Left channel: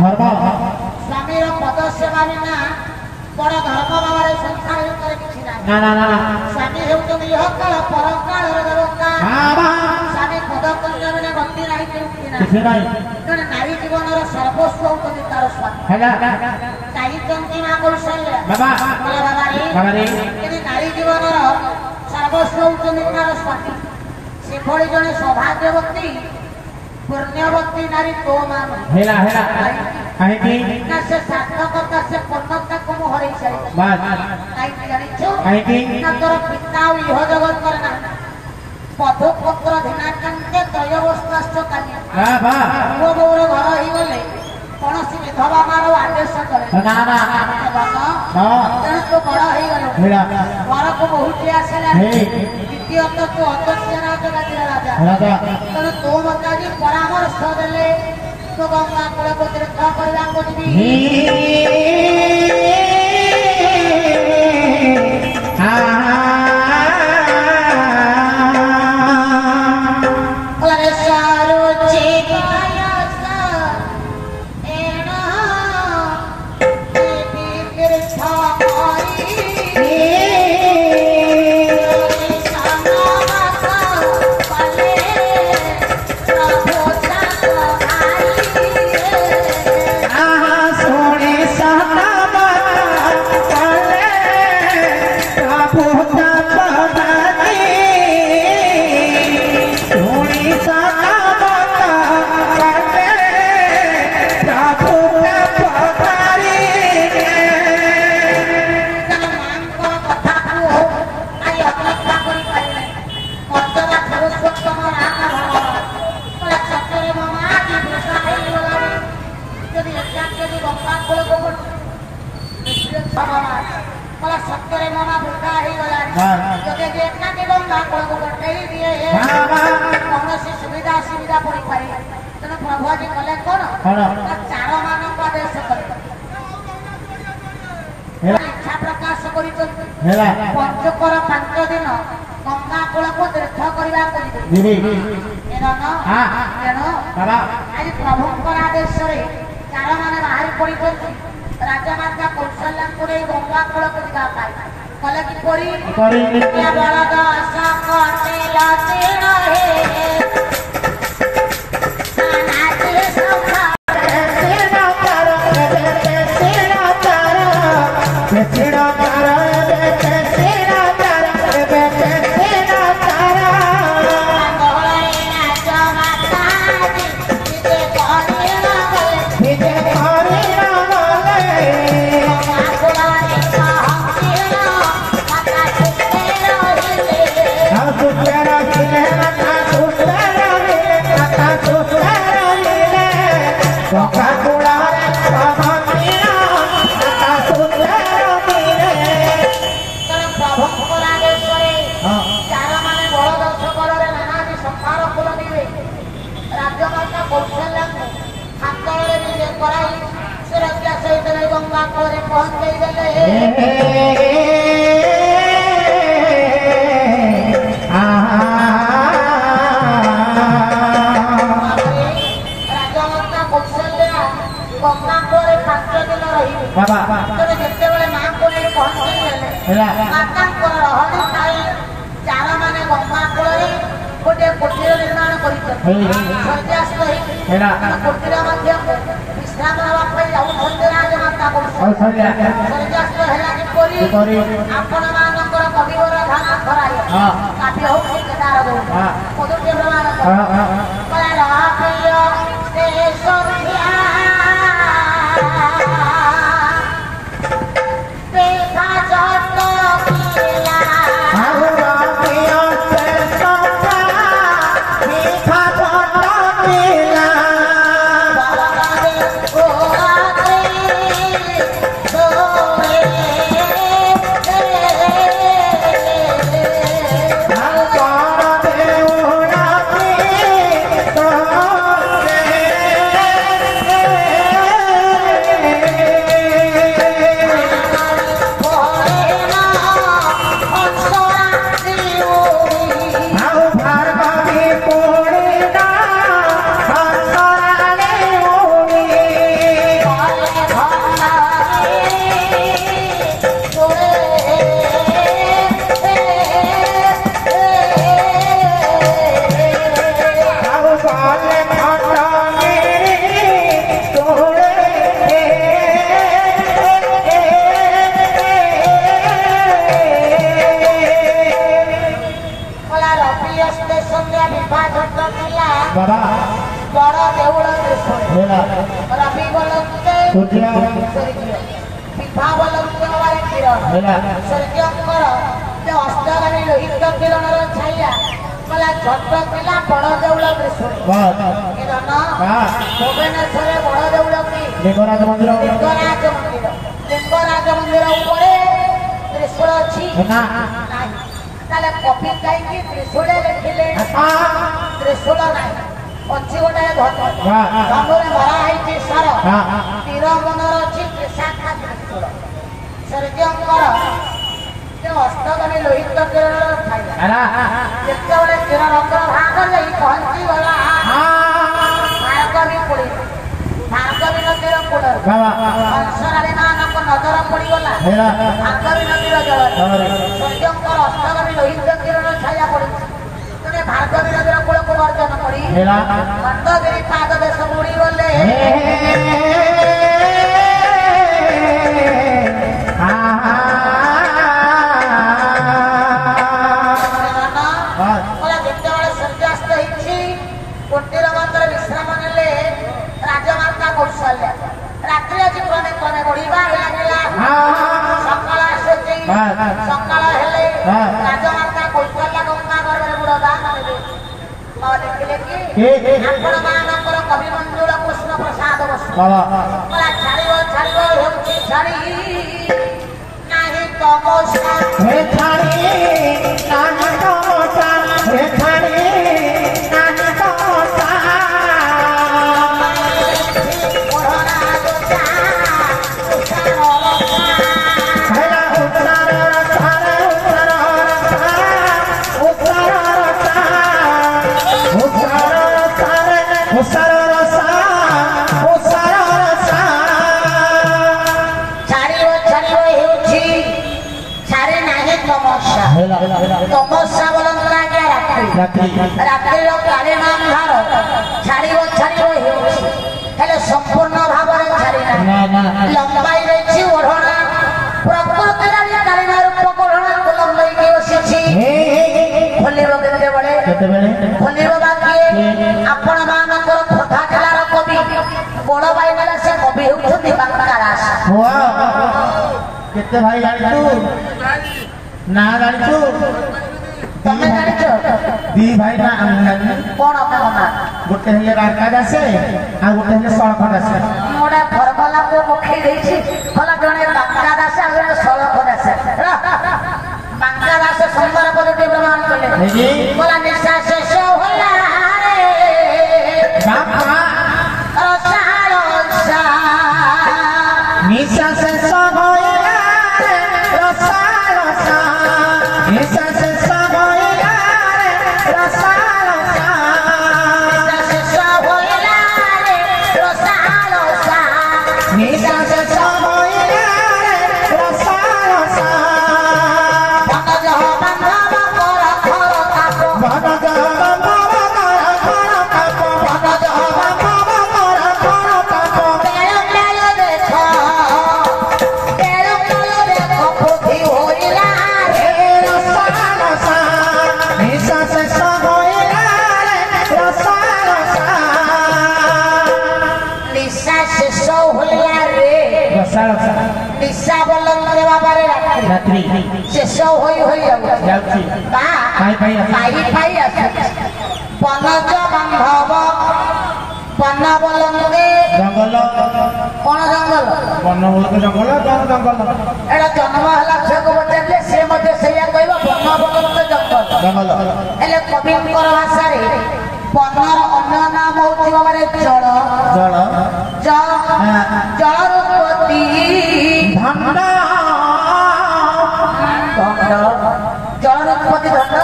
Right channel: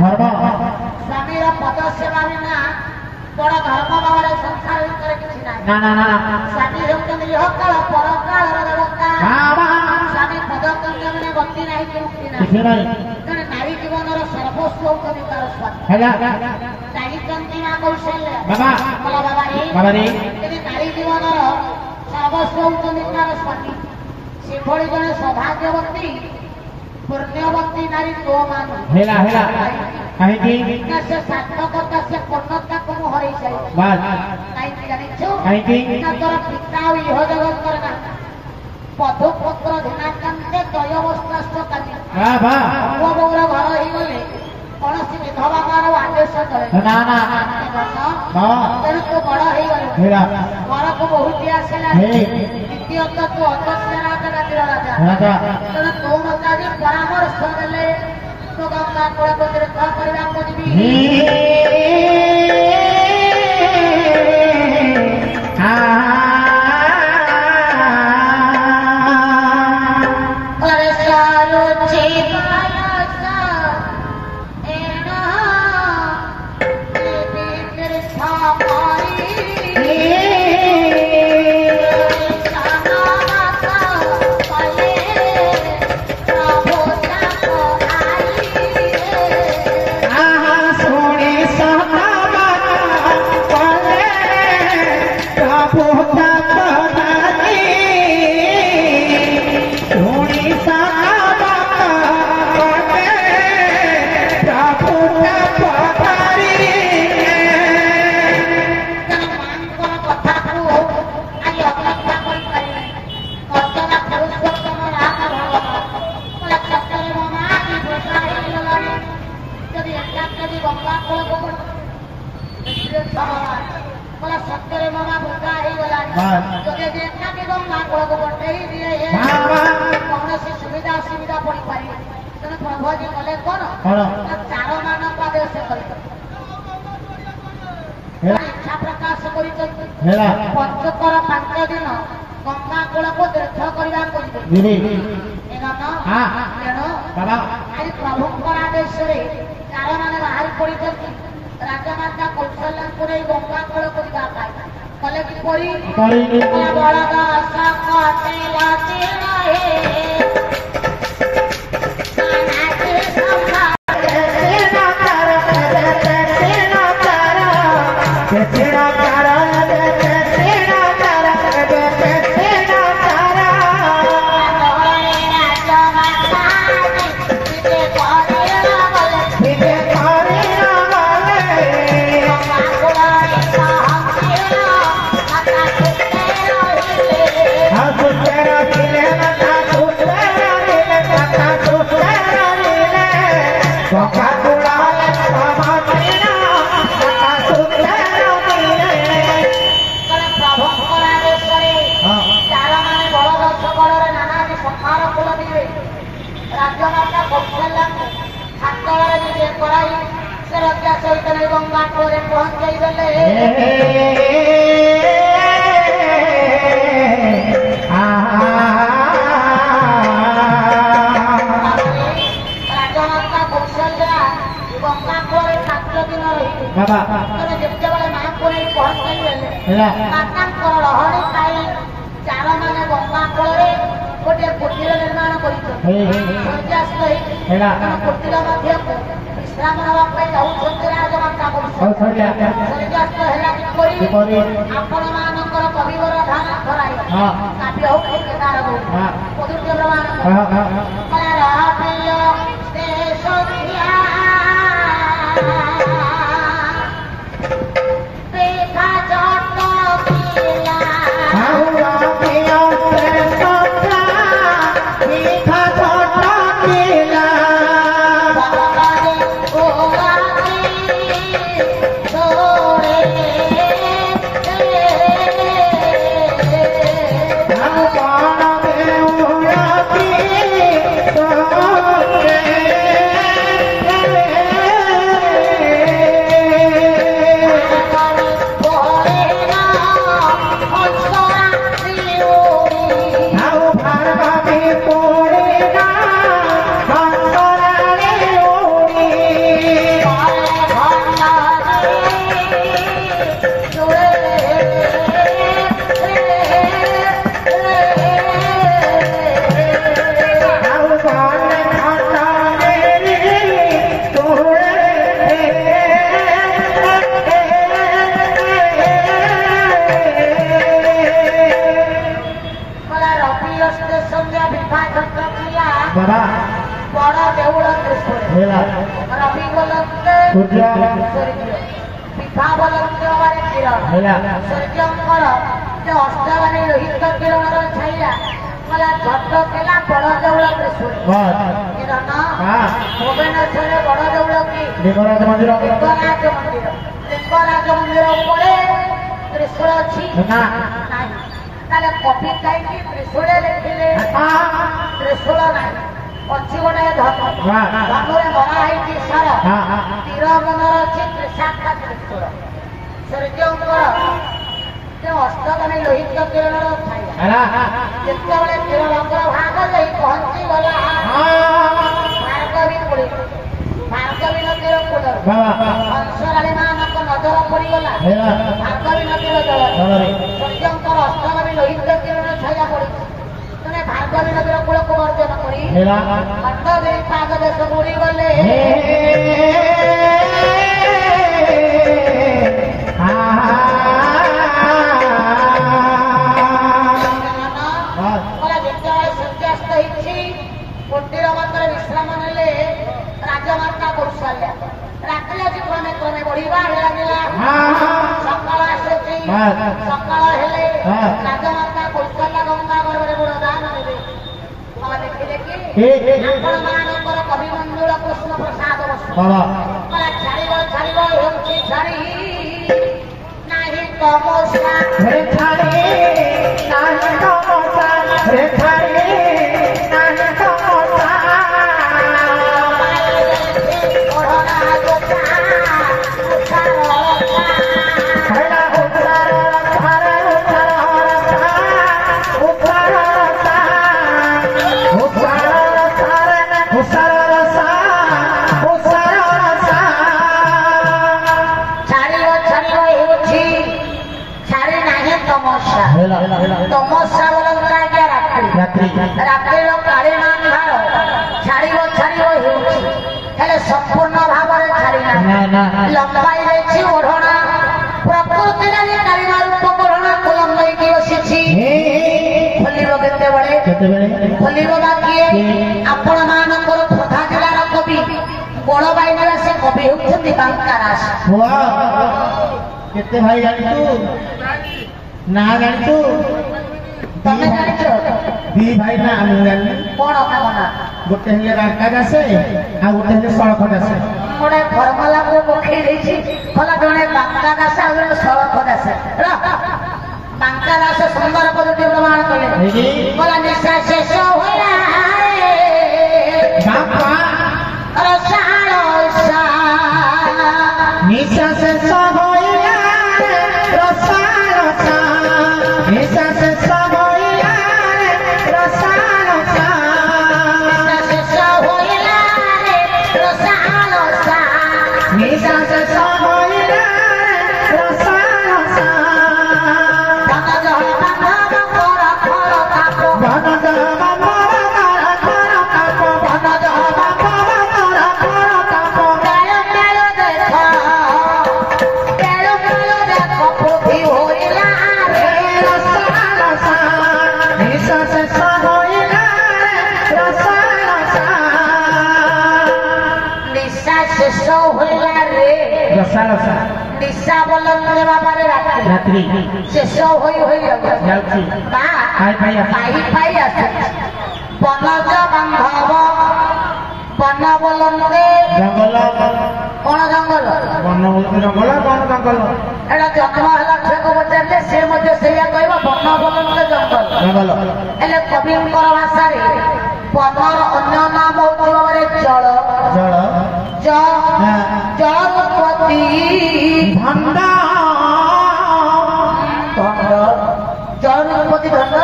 स्वामी पद सेवा बिना बड़ धर्म भाव संसार किसी ना स्वामी होती यह काल पर काल देवता स्वामी पद कन्या मैंने गति नहीं जड़े नारी जीवन सर्वस्व होती तार स्वामी चाहिए माँ कौशल्य नारी जीवन सर्वस्व होती तार स्वामी से भली जड़े सौभाग्यवती पुण्यवती नारी तो मान से सार्थकता से पूर्णता को हरई पिता इह जगत करना पधुपुत्र धीनाकांते दयवस्थाश्च कामी गौर घर ही गले कौन सी विधवा मार आदेश करे तेणु तू बड़ हो गलु घर को बहुत आसला द्वितीयत तू अदस्य राजा तेणु तू मत परामर्श देले तो गंगा कूल को तीर्थ करवा को जीवी इच्छा प्रकाश पंचकर 5 दिन गंगा कूल को तीर्थ करवा आज प्रभु आदेश चार मान बाहर पड़ी राजमाता कौशल्या गंगा कूल को कले कि बलद गंगा कूल पहुंचे राजमाता कौशल्या गंगा कूल 5 दिन रही जिते माँ को पहुंचे लहड़ी खाई चार माने गंगा कूल गोटे कुटीर निर्माण सूर्यास्त कुटीर विश्राम नापी जाऊँ राजमाता सूर्यास्त है आपण मानकर कविवर धान खराय काव्य हो केदार मधुर्य तो ରବି ଷ୍ଟେସନରେ ବିଭାଜନ ଥିଲା ବାବା ବଡ ଦେଉଳ ତ୍ରିଶୂଳ ହେଲା ରବି ବୋଲନ୍ତେ ସୂର୍ଯ୍ୟ ବିଭା ବୋଲନ୍ତେ କିରଣ ହେଲା ସୂର୍ଯ୍ୟଙ୍କର ଯେ ଅସ୍ତଗାମୀ ଲୋହିତ କିରଣର ଛାୟା मला ଝଟ ଥିଲା ବଡ ଦେଉଳ ତ୍ରିଶୂଳ କିରଣ ଭୁବନେଶ୍ୱରରେ ବଡ ଦେଉଳ କି ଲିଙ୍ଗରାଜ ମନ୍ଦିର ଲିଙ୍ଗରାଜ ମନ୍ଦିର ଉପରେ ତ୍ରିଶୂଳ ଅଛି ତାହେଲେ କପି କାହିଁକି ତ୍ରିଶୂଳ ଲେଖିଲେ ତ୍ରିଶୂଳ ନାହିଁ ଅଛି ଗୋଟେ ଧନୁରେ ମରା ହେଇଛି ସାର ତୀର ମନର ଅଛି ତ୍ରିଶାଖା ତ୍ରିଶୂଳ ସୂର୍ଯ୍ୟଙ୍କର ଅସ୍ତଗାମୀ ଲୋହିତ କିରଣର ଯେତେବେଳେ କିରଣ ଭାଗ ଯାଇ ପହଞ୍ଚି ଗଲା ଭାର୍ଗବୀ କୂଳେ ଭାର୍ଗବୀ ନଦୀର କୂଳରେ ହଂସରାଳୀ ମାନଙ୍କ ନଜର ପଡିଗଲା ଭାର୍ଗବୀ ନଦୀର ଜଳରେ ସୂର୍ଯ୍ୟଙ୍କର ଅସ୍ତଗାମୀ ଲୋହିତ କିରଣ ଛାୟା ପଡିଛି ତେଣେ ଭାର୍ଗବୀ ନଦୀର କୂଳକୁ ବର୍ଜନ କରି ଖଣ୍ଡଗିରି ପାଦ ଦେଶ ବୁଡିଗଲେ କୁଟୀର ମନ୍ଦିର ବିଶ୍ରାମ ନେଲେ ରାଜମାତା କୌଶଲ୍ୟା ରାତ୍ରି ଆଜି କ୍ରମେ କ୍ରମେ ବଢିବା ଲାଗିଲା ସକାଳ ଆସୁଛି ସକାଳ ହେଲେ ରାଜମାତା କୌଶଲ୍ୟା ଗଙ୍ଗା ଗର୍ଭରେ ବୁଡ ଦାନ ଦେବେ ଦେଖିଲେ କି ଆପଣ ମାନଙ୍କର କବି ମଞ୍ଜୁଳ କୃଷ୍ଣ ପ୍ରସାଦ ଛାଡ଼ିବ ଛାଡ଼ିବ ହେଉଛି ଛାଡ଼ି ନାହିଁ ତମସା ତମସା ବୋଲନ୍ତି ଆଜ୍ଞା ରାତ୍ରିର କାଳିମାନ୍ଧାର ଛାଡ଼ିବ ଛାଡ଼ିବ ହେଉଛି ହେଲେ ସମ୍ପୂର୍ଣ୍ଣ ଭାବରେ ଛାଡ଼ି ନାହିଁ ଲମ୍ବାଇ ରହିଛି ଓଢ଼ଣା ପ୍ରକୃତିର କାଳିମା ରୂପ ଓଢ଼ଣା ଲମ୍ବାଇକି ବସିଛି ଖୋଲିବ କେତେବେଳେ ଖୋଲିବ ବା କିଏ ଆପଣ ମାନଙ୍କର ଖୋର୍ଦ୍ଧା ଜିଲ୍ଲାର କବି ବଳବାଇ ନିବାସ କବି ହେଉଛନ୍ତି ବାଙ୍କା ଦାସ କେତେ ଭାଇ ଜାଣିଛୁ ନା ଜାଣିଛୁ ତମେ ଜାଣିଛ ଦି ଭାଇ ନା ଆମେ ଜାଣିଛୁ କଣ କଣ ନା ଗୋଟେ ହେଲେ ବାଙ୍କା ଦାସେ ଆଉ ଗୋଟେ ହେଲେ ସଳଖ ଦାସେ ଗୋଟେ ଫର୍ମୁଲାକୁ ପକେଇ ଦେଇଛି କହିଲା ଜଣେ ବାଙ୍କା ଦାସ ଆଉ ଜଣେ ସଳଖ ଦାସ ବାଙ୍କା ଦାସ ସୁନ୍ଦର ପଦଟି ପ୍ରମାଣ କଲେ କହିଲା ନିଶା ଶେଷ ହେଲା ନିଶା ଶେଷ निशा बोलंदरे बाबारे रात्रि शेष होई जाउची पाई आसे बनज बांधव बन बोलंदे जंगल कोन जंगल बन बोलके जंगल कोन जंगल एडा जन्म हला छको बचाले से मते सेया कहबो बन बोलंदे जंगल एले कविंकर भाषा रे बनर अन्य नाम होती बाबारे जल जल जलपति धंड जलपति धंड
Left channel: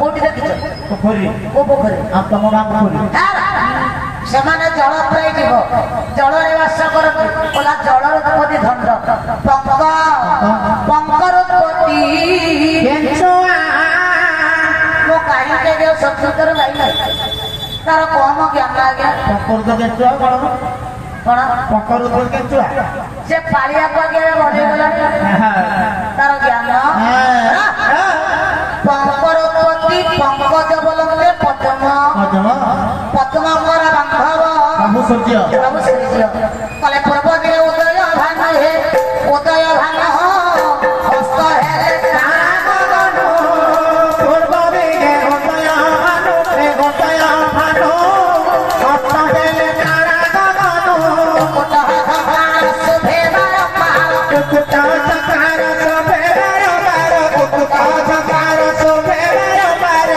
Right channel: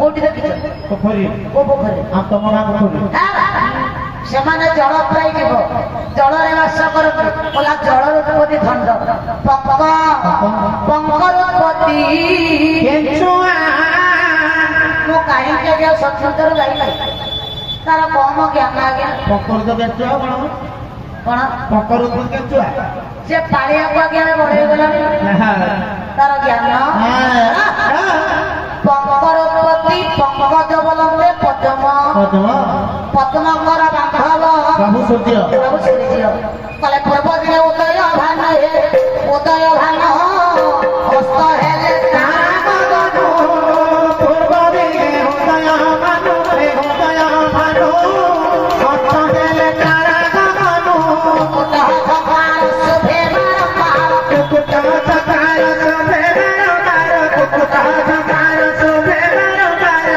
कोटी देखिछ पोखरी को पोखरी आ तम गां पोखरी ସେମାନେ ଜଳ ପ୍ରାୟ ଯିବ ଜଳରେ ବାସ କରନ୍ତି କହିଲା ଜଳରୂପତି ଧଣ୍ଡ ପଙ୍କରୋତ୍ପତ୍ତି ମୁଁ କାହିଁକି ଆଜ୍ଞା ସତ୍ସଙ୍ଗର ଯାଇନାହିଁ ତାର କମ ଜ୍ଞାନ ଆଜ୍ଞା କଣ ସେ ପାଳିଆକୁ ଆଜ୍ଞା ବଢେଇ ଗଲେଣି ତାର ଜ୍ଞାନ ପଙ୍କରୋତ୍ପତ୍ତି ଅତି ପଙ୍କଜ ବଲଙ୍ଗେ ପଦ୍ମ ପଦ୍ମଙ୍କର ବାନ୍ଧବ ପ୍ରଭୁ ସୂର୍ଯ୍ୟ କଲେ ପୂର୍ବ ଦିନେ ଉଦୟ ଭାନ ହେ ଉଦୟ ଭାନ ହସ୍ତ ହେଲେ ପୂର୍ବ ଦିନେ ଉଦୟ ଭାନୁ ଉଦୟ ଭାନୁ ହସ୍ତ ହେଲେ ତାରା ଗଗନ କୁଟ ଭଗବାନ ଶୁଭେ ବାରମ୍ବାର କୁକୁଟ ସକାର ଶୋଭେ ବାରମ୍ବାର କୁକୁଟ ସକାର ଶୋଭେ ବାରମ୍ବାର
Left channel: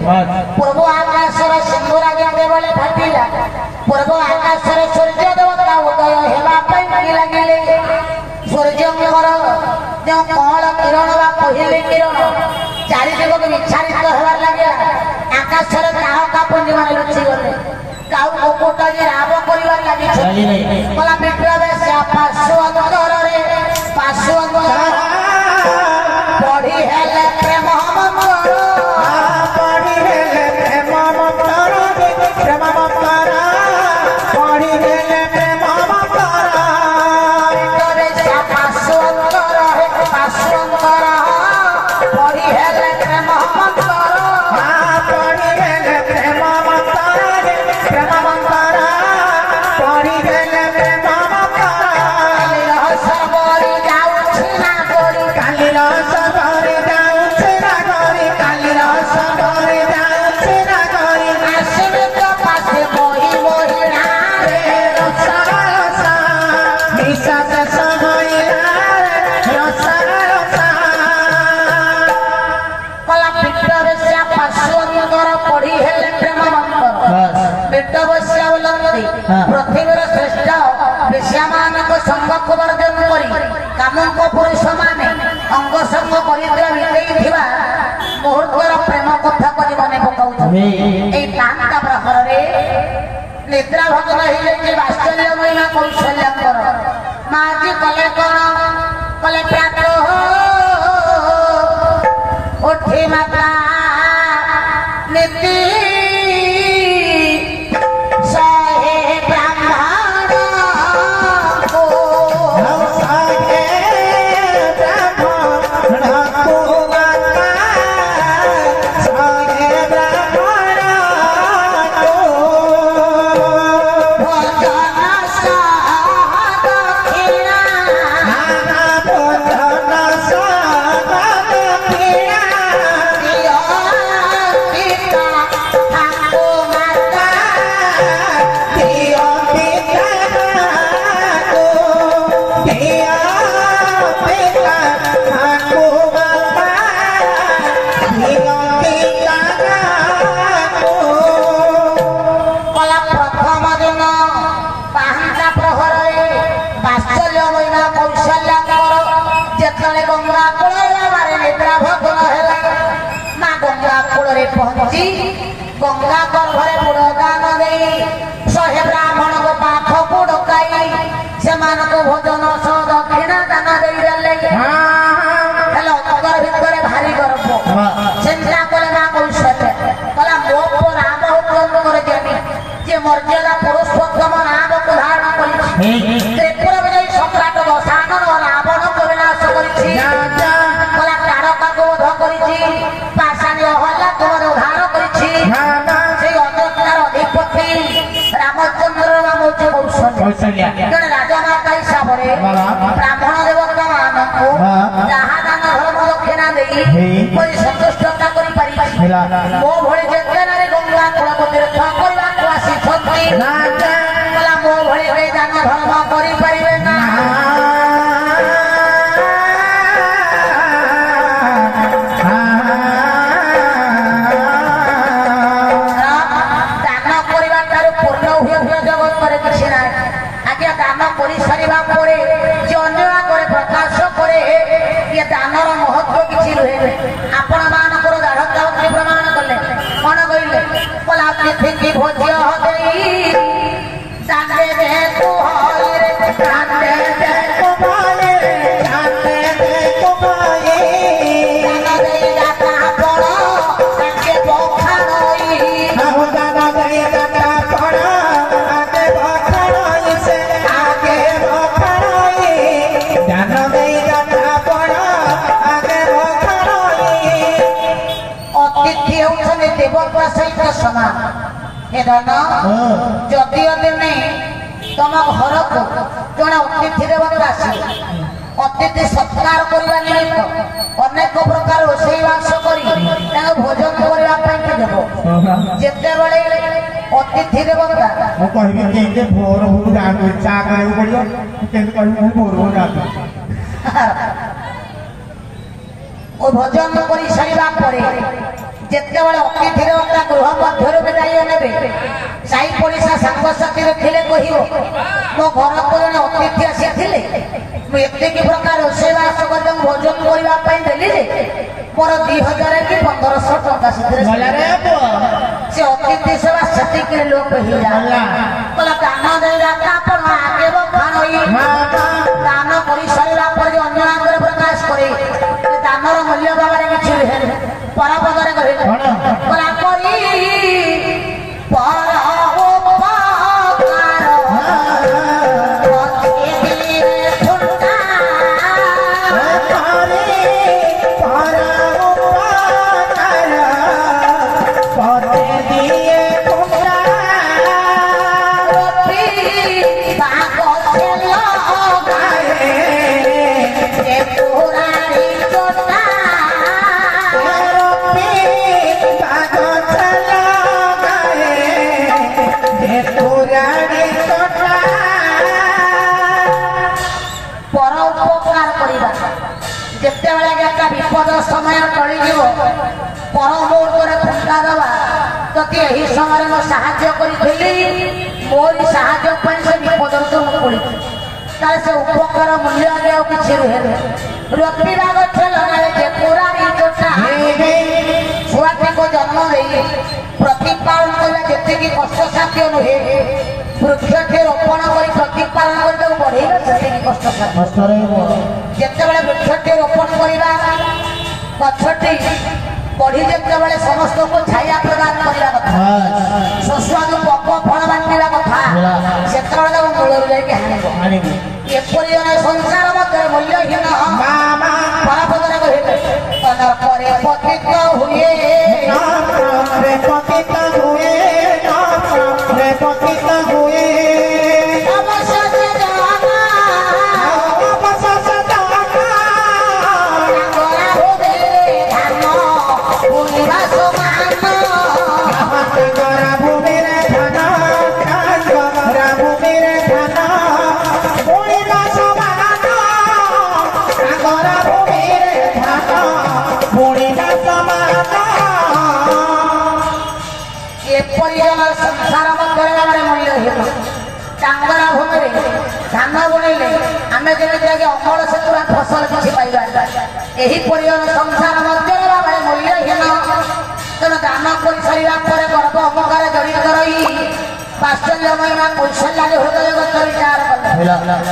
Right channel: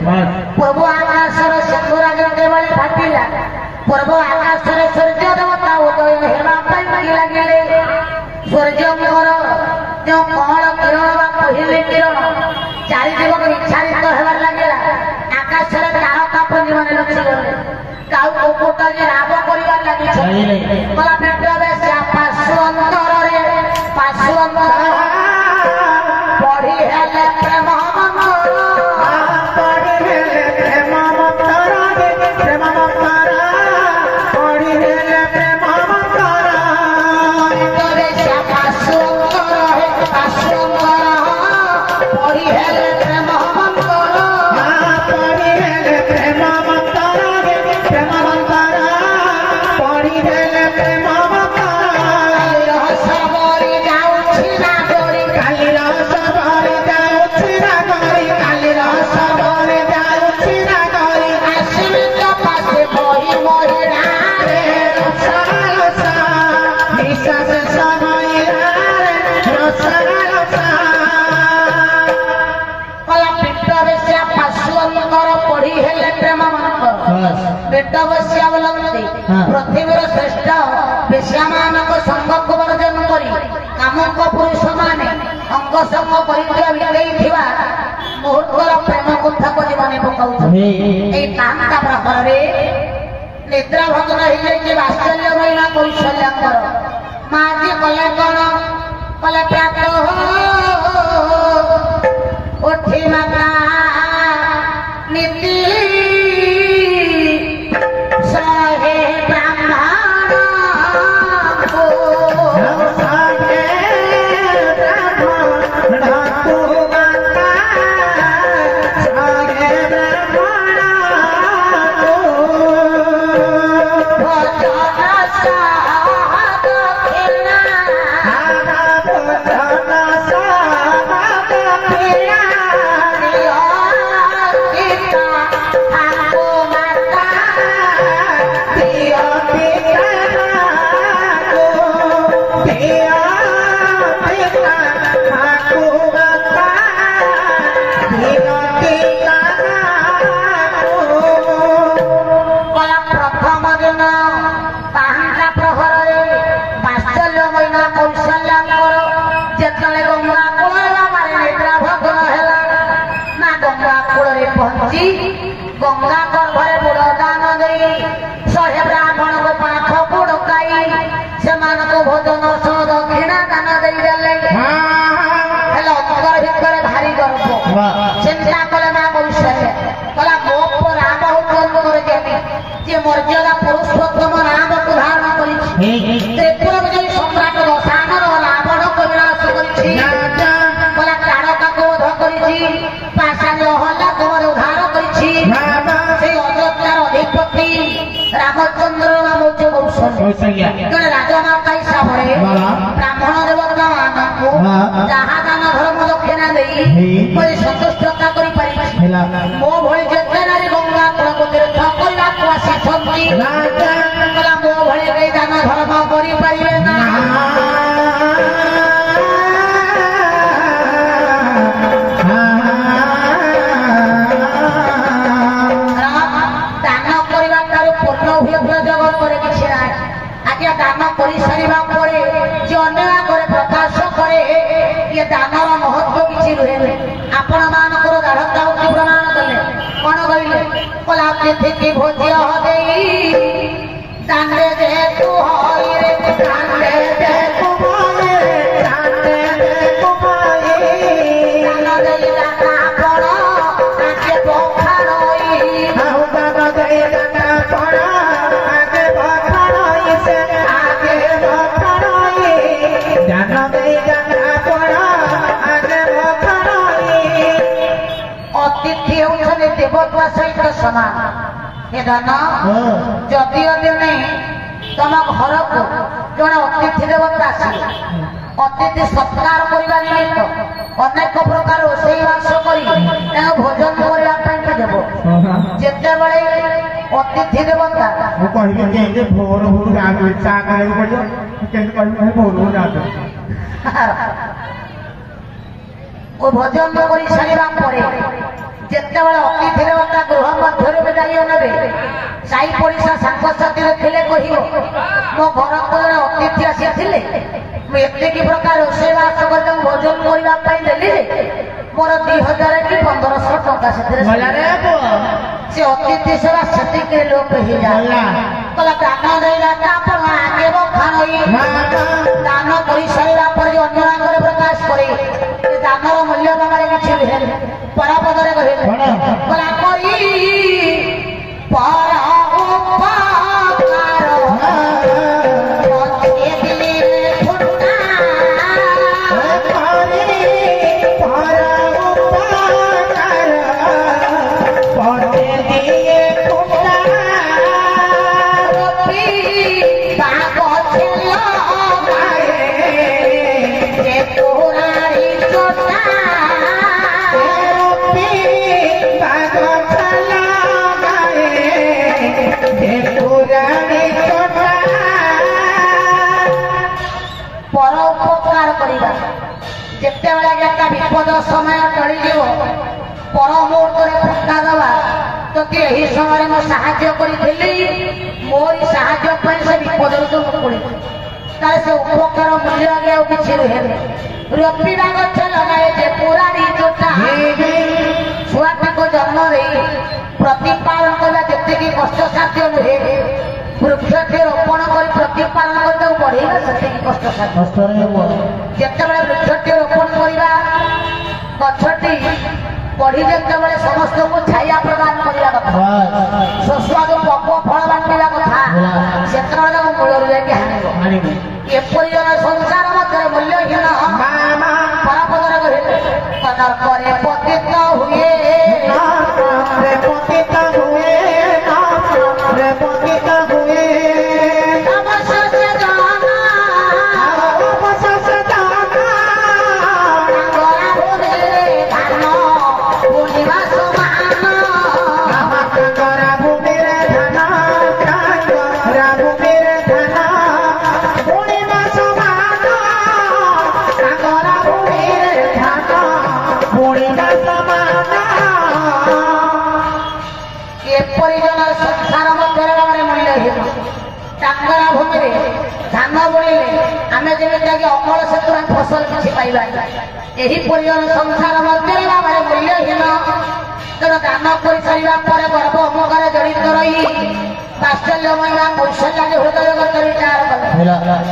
ପୂର୍ବ ଆକାଶର ସିଂହରାଜ କେବଳ ଫାଟିଲା ପୂର୍ବ ଆକାଶରେ ସୂର୍ଯ୍ୟ ଦେବତା ଉଦୟ ହେବା ପାଇଁ ଲାଗିଲେ ସୂର୍ଯ୍ୟଙ୍କର ଯେଉଁ କଅଁଳ କିରଣ ବା ପହିଲି କିରଣ ଚାରିଦିଗକୁ ବିଚ୍ଛାରିତ ହେବାର ଲାଗିଲା ଆକାଶରେ ତାରକା ପୁଞ୍ଜି ମାନେ ଲୁଚିଗଲେ କାଉ କୁକୁଟ ଯେ ରାବ କରିବାର ଲାଗିଛନ୍ତି କଲା ପାର୍ଶ୍ୱ ଅନ୍ତରରେ ପଢି ହେଲେ ପ୍ରେମ ପୃଥିବୀର ଶ୍ରେଷ୍ଠ ବେଶ୍ୟାମାନଙ୍କ ସଙ୍ଗକୁ ବର୍ଜନ କରି କାମଙ୍କ ପୁରୁଷ ମାନେ ଅଙ୍ଗ ସଙ୍ଗ ପରିଦ୍ର ବିତେଇଥିବା ମୁହୂର୍ତ୍ତର ପ୍ରେମ କଥାକୁ ଜୀବନେ ପକାଉଛନ୍ତି ଏଇ କାନ୍ତା ପ୍ରହରରେ ନିଦ୍ରା ଭଗ୍ନ ହେଇଯାଇଛି ବାତ୍ସଲ୍ୟ ମହିଳା କୌଶଲ୍ୟାଙ୍କର ମା ଆଜି କଲେ କଣ କଲେ ପ୍ରାତ ଉଠି ମାତା ନୀତି गंगा गर्भरे बुड़ दान दे शहे ब्राह्मण को पाखक डकाई से भोजन सह दक्षिणा दान दे उत्तर भितर भारी गर्भ चिंता कले माँ कौशल्य कला मो राम हुकम कर मर्यादा पुरुषोत्तम राम को धारण कर त्रिपुर विजयी सम्राट दशानन रावण को विनाश कला तारका को वध कर रामचंद्र नाम कौशल्य राजमाता हिसाब से ब्राह्मण देवता मान जहाँ दान धर्म दक्षिणा दे संतुष्ट मो भली जेते नारी गंगा कूल को तीर्थ करने आसी मो भली दान धर्म करें ना दानर महत्व किसी रुहे आपण मानकर दाढ़ प्रमाण कले कौन कहले कला पृथ्वी भोज्य दाने जेतु देवता सहित समान हे धन जदि दिने तुम घर को जड़े अतिथि देवता आसिले अतिथि सत्कार करने निमित्त अनेक प्रकार रोषेईवास कर भोजन करने देव जिते बड़े अतिथि देवता भोर भोर गाँव चा पड़ो भोर भोर गाँव भोजन कर सारा पर जिते बड़े अतिथि देवता गृह मध्य विदाय ने साई पड़िशा सांगसाथी थे कह मो घर को जड़े अतिथि आसी एतिक प्रकार रोषेईवास कर भोजन करने देली मोर 2000 कि 1500 टंका से अतिथि सेवा से लोक हो जाए दान देदाता आगे दान कर सारा पर अन्य आगे प्रकाश करे दानर मूल्य बाबा किसी परापदे कहे विपद समय टली पर मुहूर्त फुटका दवा जदि यही समय मैं साहाଯ୍य करी मोरी साहाଯ୍य से विपद तो पड़ी से उपकार मूल्य आगे कि रोपा गछ लगाए पुराणी चोटा छुआटी को जन्म दे प्रतिपालन करला जी कष्ट साध्य नुहे वृक्षटे रोपण कर प्रतिपालन कर बढ़े कष्ट साध्य जिते वृक्षटे रोपण करवा गछटी बढ़ी जिते समस्त को छाया प्रदान करने कथा सुस्वादु पक फल बांटा कथा से मूल एपरी जन संसार मध्य मूल्यहीन परापदर कहे पतित हुए टांगरा भूमि धान बुणिले आम जमी अमल से फसल किसी पाइबा यही संसार मध्य मूल्यहीन तेणु दान कर सारा पर गर्भ अमकार जड़ित रही पाश्चल्य महिमा कौशल्या हृदय विचार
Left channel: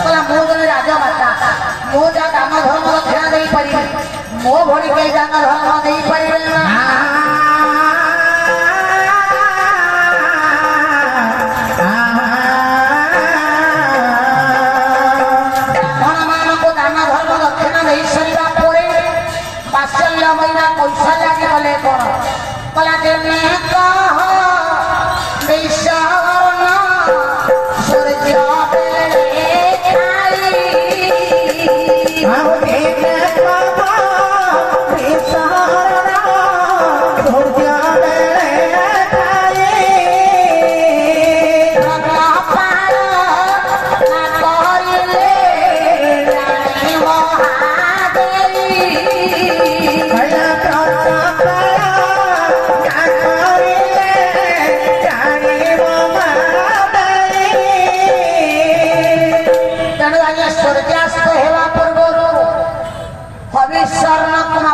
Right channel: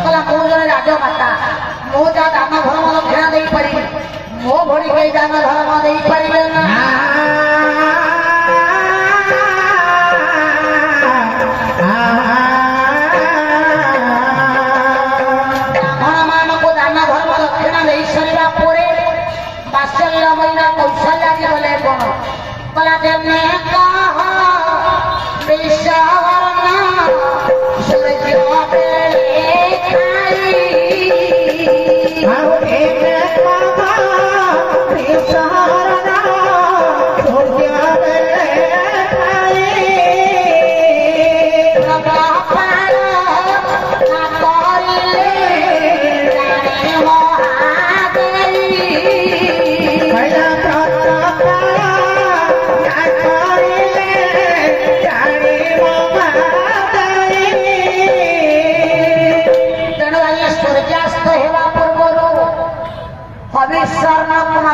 कला मु जन राजमाता मु जहाँ दान धर्म दक्षिणा दे पारि मो भड़ी कई दान धर्म दे पारे ना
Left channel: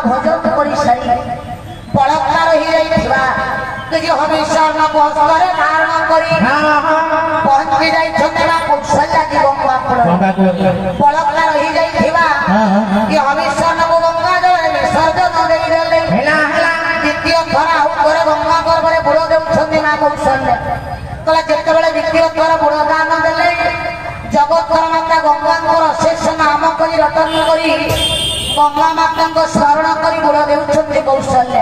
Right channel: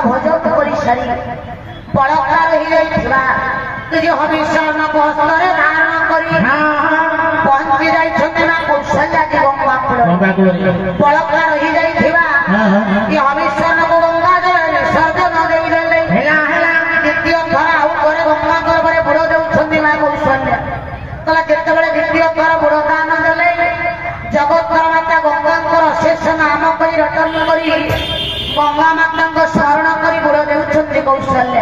भोजन कर सारी बलात्कार हमेशा हस्तरे धारण कर पहुंची जाइना कौशल्या की गंगा कूल बलात्कार हो जाइथिबा कि हमेशा को गंगा जल विसर्जन देदेले द्वितीय थर आउ करे गंगा गर्भरे बुड़ देउछन्ती मां कौशल्या कला जेतेबेले द्वितीय थर बुड़ दान देले जगत माता गंगा अशेष नाम करी रटन करी गंगा माता स्मरण कर गुड़ देउछन्ति कौशल्य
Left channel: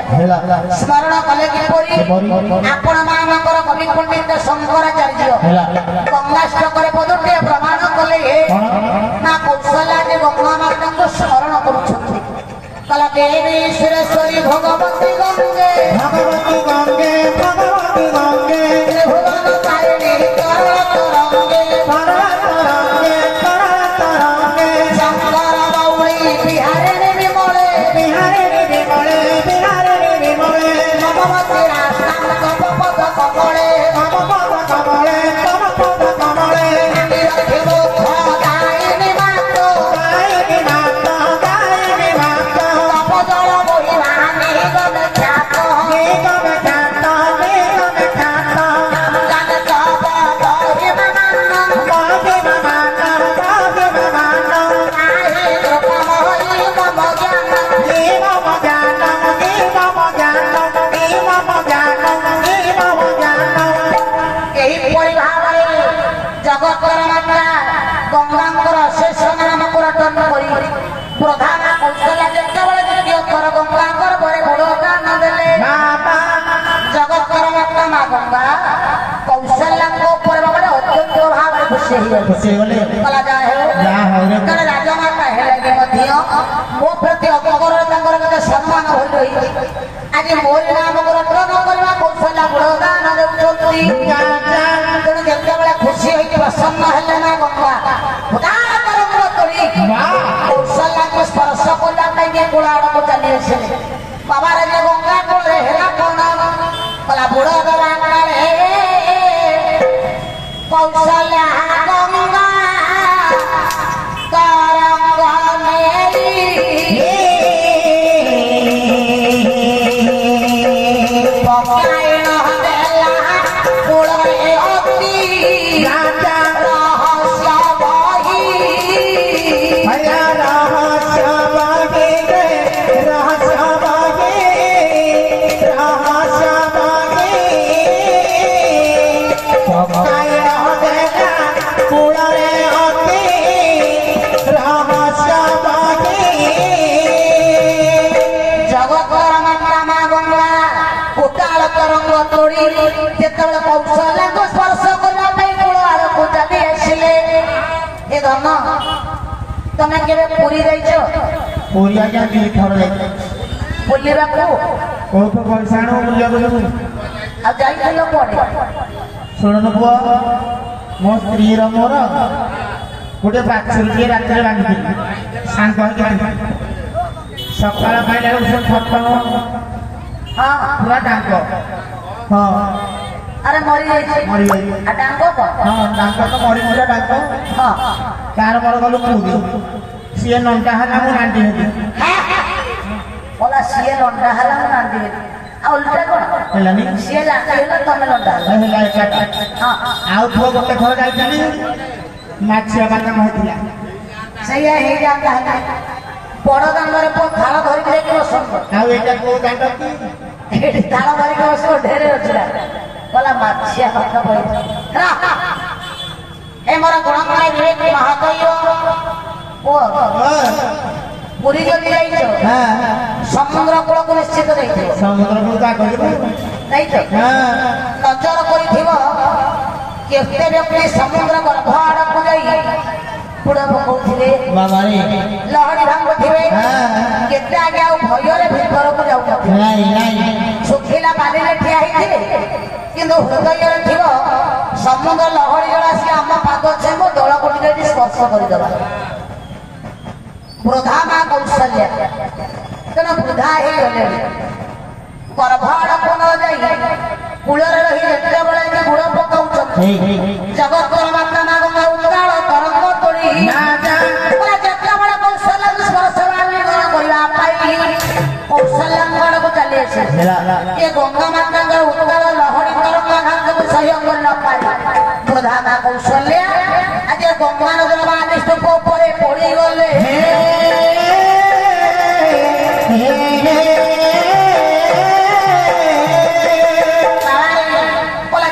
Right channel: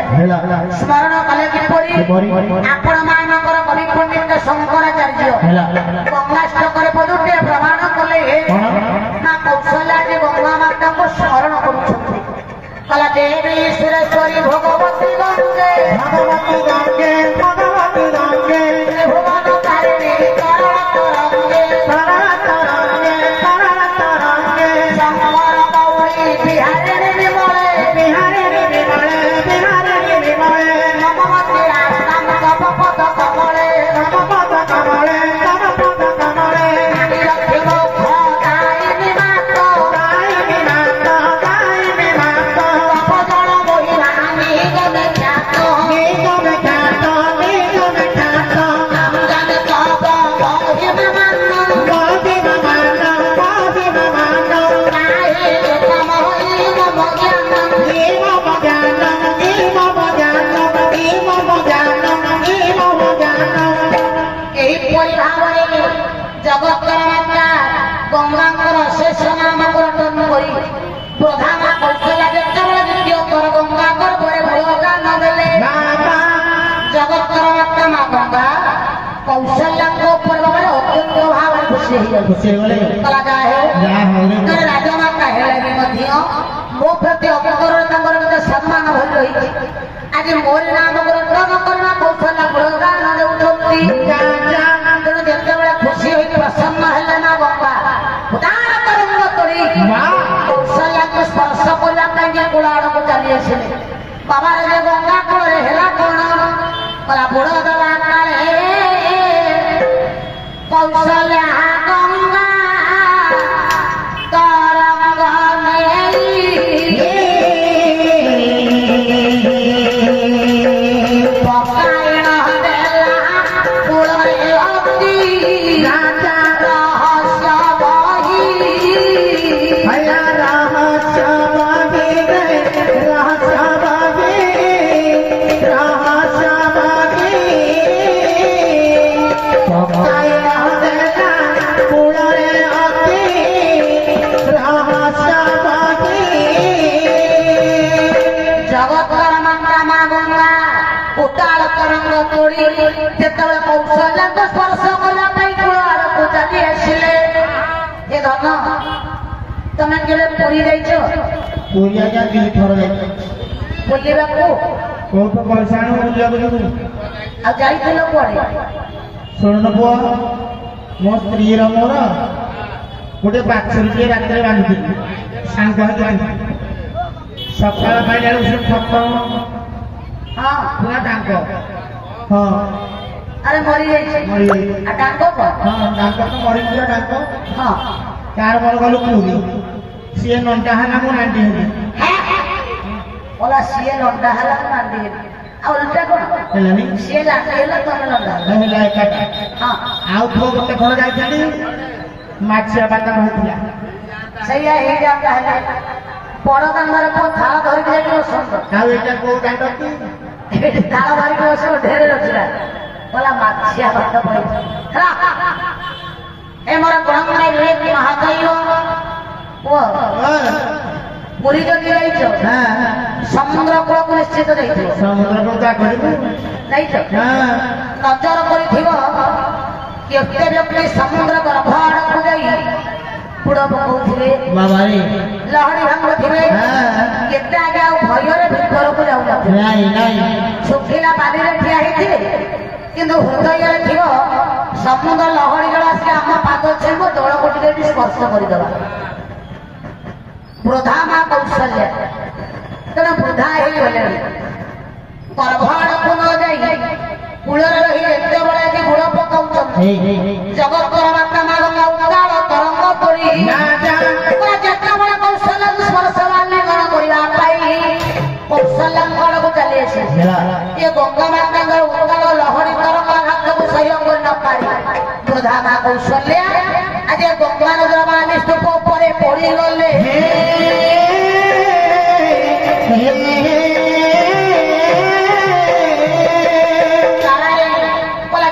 स्मरण कले किपरि आपण मानकर कवि पंडित शंकराचार्य गंगाष्टकर पदुटे प्रमाण कले ना कौशल्या जे गंगा माता स्मरण करुछन्ति कला देवी सुरेश्वरी भगवती गंगे भगवती गंगे भगवती गंगे भुवन तारिणी तरंगे तरंगे तरंगे शंकर गौरी बिहारिणी विमले बिहारिणी विमले बिहारिणी विमले नमवती रास्तां तव पद कमले तव पद कमले तव पद कमले निरखि मोक्ष दायिनी मातो गायिनी माता गायिनी माता तपजल महिमा निगम ख्यात निगम ख्यात निगम ख्यात जन तव महिमा मानम महिमा मानम महिमा मानम काहे रूपम होइ मम ज्ञानम निमम ज्ञानम निमम ज्ञानम निमम ज्ञानम निमम ज्ञानम एहिपरि भाବରେ जगतर माता गंगाଙ୍କର ଶେଷ ନାମକର ଟନ କରି ପ୍ରଧାନ କୌଶଲ୍ୟା ଯେତେବେଳେ ଦ୍ୱିତୀୟ ଥର ଗଙ୍ଗାଙ୍କର ପରେ ବଳଦାନ ଦେଲେ ବାବା ଜଗତର ମାତା ମା ଗଙ୍ଗା କୌଶଲ୍ୟାଙ୍କ ଉପରେ ଭାବରେ ଅତ୍ୟନ୍ତ ଭାବରେ ଖୁସି ହେଇଗଲେ ଖୁସି ହେଇଗଲେ କଲା ଯାହା ହଉ ରେ। ଜଣେ ରାଜମାତା ହେଲେ ବି ମଧ୍ୟ ମୋ ପ୍ରତି ଅବକରରେ ତାଙ୍କର ଗୋଟେ ସମ୍ମାନ ଭଳି ରହିଛି ଆଜି ମୋରି ନାମକର ଟନ କରିବା କୌଶଲ୍ୟା ବଳଦାନ ଦେଉଛନ୍ତି ତେଣୁ ଯେତେବେଳେ ଖୁସି ହୋଇକି ପ୍ରସନ୍ନ ହେଲେ ନା ଗଙ୍ଗା ଉଦାତରଙ୍ଗ କରି କୌଶଲ୍ୟାକୁ ସ୍ପର୍ଶ କରିବା ପାଇଁ ଯେ କୂଳ ଆଡ଼କୁ ଚାଲି ଆସିଲେ ବାବାରେ ଯେ ଗଙ୍ଗା କୂଳରେ ହେଲା କଣ କଲା ବୁଡ଼ ଦେବା କାଳେ କୌଶଲ୍ୟା ଗଙ୍ଗା ତରଙ୍ଗ ମେଲି ପକାଇଣ ଦେଲା କୂଳରେ ଅତି ରହସ୍ୟ ବହି भैया रहस्य बागे रहस्य बागे रहस्य बागे पकाई देता कूड़े अति रहस्य बागे जगतर माता मा गंगा उताल तरंग तोड़ी जेतेବେଳେ କୌଶଲ୍ୟାକୁ ସ୍ପର୍ଶ କରିବା ପାଇଁ କୂଳ ଆଡ଼କୁ ଚାଲି ଆସିଲେ ଏ ଧନ ତମେ କେବେ ପୁରୀ ଯାଇଛ पूरी आज्ञा दी थर जाए ବୁଲିବାକୁ कोई तो पैसा नो बुलिया बुलिया ଆଉ ଯାଇଥିଲ କୁଆଡ଼େ ଶୁଣୁନ ପୁଅ ମୋ ସ୍ତ୍ରୀର ମୋର ଗୋଟେ ବାଛୁରୀଟିଏ ରାତିରେ ବାନ୍ଧିଥିଲି ସାଙ୍ଗ ହେଇକି ସକାଳ ପାଇଲା ବେଳକୁ ସେ ଫଟୋ ହଁ ପୁରା ଡାଙ୍କ ହଁ ଆରେ ମରିଯାଇଛି ମରିଯାଇଛି ଆଉ ଡାକ କଣ ହଁ ଡାଙ୍କ ତ ମରିଥିଲା ଡାଙ୍କ ହଁ କାର ବର ଗଲୁ ପୁରୀ ସିଏ ନଣ୍ଡା ହେଲା ମୁଁ ନାଣ୍ଡି ହେଲି ବୋଲା ସିଏ ଲଣ୍ଡା ହେଲା ମୁଁ ନାଣ୍ଡି ହେଲି ଆଉ ଓଲଟା କଣ ହେଲାନି ସିଏ ଲାଣ୍ଡି ହେଲା ତମେ ଲଣ୍ଡା ହେଲା ହେଲା ଏକାଟା ହଁ ଆଉ ପୁଅ ଗୋଟେ ଥର ଯାଇଥିଲି ମାଛିଆ ବାଟନ ହେଇଥିଲା ସେଇଆ ହେଇଯାନ୍ତା ହେଲା ବଡ ଦାଣ୍ଡରେ ପୁଅ ଥାଳ ଧରିକି ଯାଇକି ବସନ୍ତ ଆଉ ଏଇଟା କୋଉ ଦାଣ୍ଡ କି ଏଠି ଥାଳ ଧରିକି ବସିବ ଢେରେ ଅଛିଲା ବୋଲା ମାଛିଆ ପାଠ ପଡିବ ଏ ମୋର ଗୁଣକଣା ବିବେକ ମହାଦୈବ ପୁଅ ପୁରୀ ଯଦି ଯାଇଛ ସମୁଦ୍ର କୂଳକୁ ନିଶ୍ଚିତ ଯାଇଥିବ ସମୁଦ୍ରକୁ ତା କରିବୁ ଯାଇଛ ନଜର କରିଥିବ କେତେ ବ୍ୟକ୍ତି ସମୁଦ୍ର ଗର୍ଭ ଆଡକୁ ଯାଇ ବୁଡ ପକଉଥିବେ ବାବାରେ ଲହଡି ଭାଙ୍ଗୁଥିବେ କେତେ ଆଗେ ଆଉ ଭୟରେ ଭିତରକୁ ଯାଉନଥିବେ ନାଇଁ ନାଇଁ ଶୁଖିଲା ପାଣିରେ ଠିଆ ହେଇଥିବେ କିନ୍ତୁ ହୃଦୟରେ ଥିବ ସମୁଦ୍ର ଲହଡି ଜଳ ଆସି ଆମ ପାଦ ଛେବ ଦଳକୁ ଟିକେ ଟିକେ ସ୍ପର୍ଶ କରିଦେବା ବୃଦ୍ଧା ମା କୌଶଲ୍ୟା ତେଣୁ ବୃଦ୍ଧା ହେଇଗଲେଣି ଗର୍ଭ ଆଡକୁ ନ ଯାଇ କୂଳରେ ରହି ଯେତେବେଳେ କି ବୁଡ଼ ପକାଉଛନ୍ତି ଜଗତର ମାତା ମା ଗଙ୍ଗା ଉତ୍ତାଳ ତରଙ୍ଗ ତୋଳି ଯେତେବେଳେ କୌଶଲ୍ୟାକୁ ସ୍ପର୍ଶ ଆଲିଙ୍ଗନ କରିବା ପାଇଁ କୌଶଲ୍ୟାଙ୍କ ଆଡକୁ ଚାଲି ଆସିଲେ ଏ ଗଙ୍ଗା ମାତାଙ୍କର ଉତ୍ତାଳ ଲହଡି ତରଙ୍ଗ ଆଘାତକୁ ସହ୍ୟ କରି ନ ପାରି ବୃଦ୍ଧା ମା କୌଶଲ୍ୟା ଆଜି ଗଙ୍ଗା ନଦୀର ବାଣୀ ସ୍ତୂପ ଉପରେ ପଡିଗଲେ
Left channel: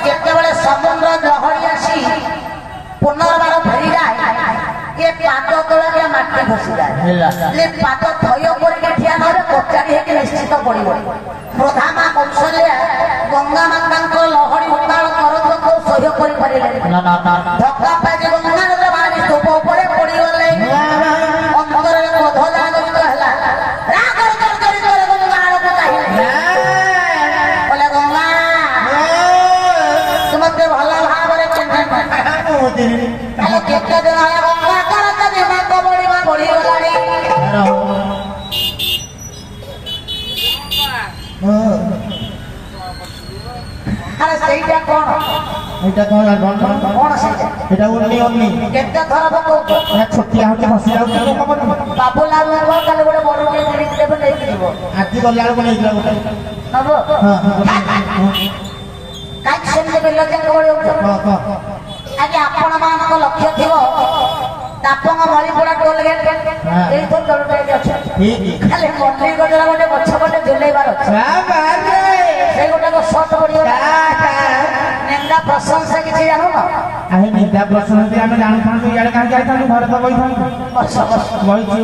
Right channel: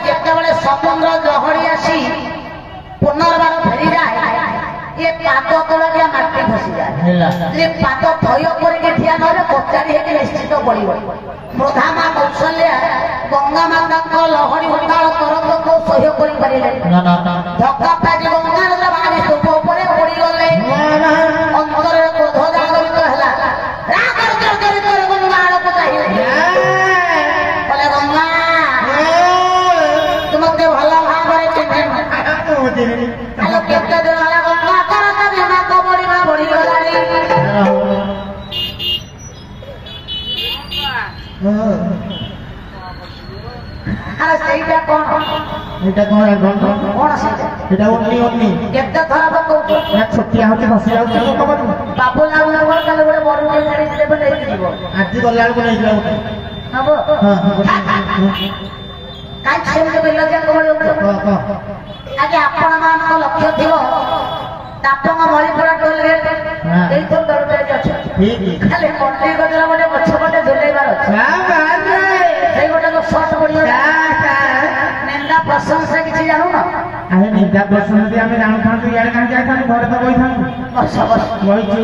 ଯେତେବେଳେ ସମୁଦ୍ର ଲହଡି ଆସି ପୁନର୍ବାର ଫେରିଯାଏ ଏ ପାଦ ତଳେ ମାଟି ଖସିଯାଏ ହେଲା ଯେ ପାଦ ଥୟ କରିକି ଠିଆ ନହେଲେ କଚାଡ଼ି ହେଇକି ନିଶ୍ଚିତ ପଡ଼ିବ। ପ୍ରଧା ମା କୌଶଲ୍ୟା ଗଙ୍ଗା ମାତାଙ୍କ ଲହରୀ ଉତ୍ତାଳ ତରଙ୍ଗକୁ ସହ୍ୟ କରିପାରିଲେ ନା ନା ନା ଧକ୍କା ପାଜି ଗଙ୍ଗା ନଦୀର ପାଣି ସ୍ତୂପ ଉପରେ ପଡ଼ିଗଲେ। ଅନ୍ତରରେ କ୍ରୋଧ ଜାଗରିତ ହେଲା। ରାଗ ଜର୍ଜରିତ ଗଙ୍ଗା ଆଡ଼କୁ ଚାହିଁଲେ କହିଲେ ଗଙ୍ଗା ତୁମକୁ ଭଲ ଭାବରେ ଚିହ୍ନେ ଆଲୋ କେତେ ଦିନ ହେଲା ଗଙ୍ଗା କରତ ଦିମାଗ ବଢ଼ିବା ବଢ଼ିଗଲାଣି। ଆରେ ସେଇଟା କଣ ଏଇଟା କଣ କଣ ସେଇଟା ଏଇଟା ଉନ୍ନି ଉନ୍ନି କେତେ ଥର ପକଉଛ ଛୋଟିଆ ହଉଛି ବସି ଯାଉଛି ବାବୁଲା କାଲି ଗୋଟେ ବଡ଼ କିଣିକି ଦେବେ ନେଇକି ଯିବ ଆଜି ଗଲା ବେଳକୁ ନେଇଥିଲା ଗୋଟେ ନବ କାହିଁକି ସେମିତି ବିଲଜାଙ୍କ ଭଳି ହଉଛ ଆଜି ଆପଣ ମାନଙ୍କ ଲକ୍ଷ୍ୟ ଥିବ ତାପଙ୍ଗ ମଳିପଡ଼ା ଟୋଲଗେଟ୍ ଏଇଥର ଦଳଟେ ଅଛନ୍ତି ଖାଲି ମଣ୍ଡି ଗଜରା ଗୋଟେ ଗଛ ପଟେ ଝୁଲେଇବାର ଅଛି ସେଇ ଗୋଟେ ସର୍ଟ ପଡ଼ିବ ନିନ୍ଦା ପ୍ରଶଂସା କିଛି ଜାଣୁନ ଆମେ ନିନ୍ଦା ପ୍ରଶଂସା ଆମେ ଜାଣୁଥାନ୍ତୁ ଇଆଡ଼େ କାହିଁକି ଯାଇଥାନ୍ତୁ ଘରେ ତ ବଇଥାନ୍ତୁ